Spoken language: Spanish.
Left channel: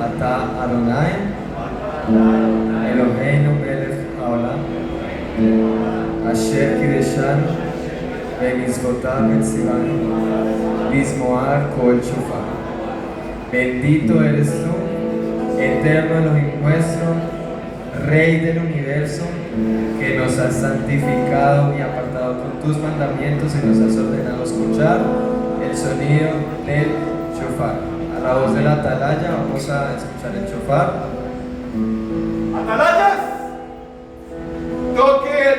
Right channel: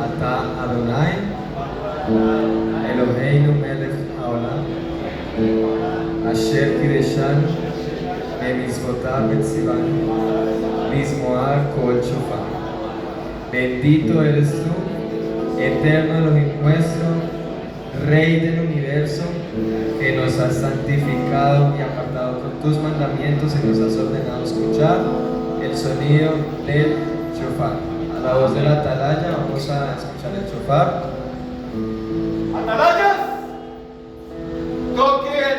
Ata Adonai, Eloheinu melech haolam, Asher kideshanu, bemitzvotav etzivanu, lismoar kol shofar. Bendito eres tú, eterno Elohim nuestro, Rey del universo, que nos has santificado y apartado con tus mandamientos y nos has ordenado escuchar el sonido del shofar. A la voz de la atalaya vamos a escuchar el shofar. ¡Atalayas! Toque el